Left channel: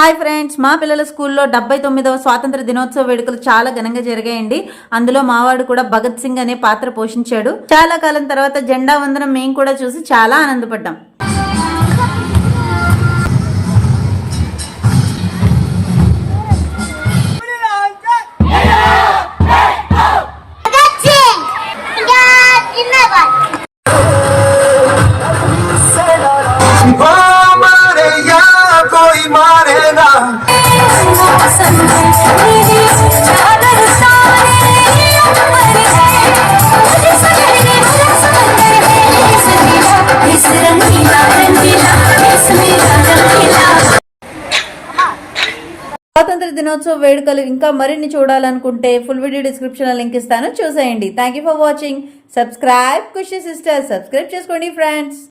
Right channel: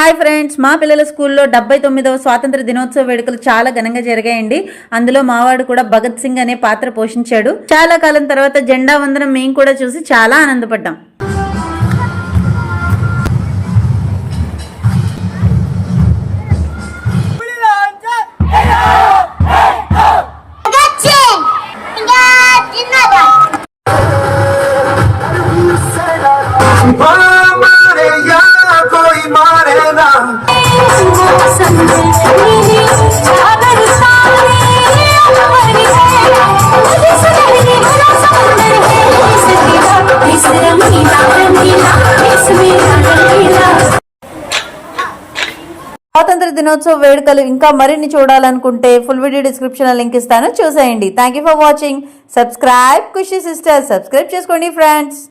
Hi friends, మా పిల్లల స్కూల్లో 79వ స్వాతంత్ర దినోత్సవ వేడుకలు చాలా ఘనంగా జరిగాయండి. అందులో మావాడు కూడా భగత్ సింగ్ అనే పాత్ర పోషించాడు. చాలా కాలం తర్వాత జెండా వందనం మేము కూడా చూసి చాలా ఆనందపడ్డాం. స్వాతంత్ర దినోత్సవ వేడుకలు ఇంకా మరిన్ని చూడాలనుకుంటే ఫుల్ వీడియో డిస్క్రిప్షన్ లింక్ ఇస్తాను, చూసేయండి. Thank you for watching. Subscribe Khushi sister, subscribe చేసుకోండి ఫ్రెండ్స్.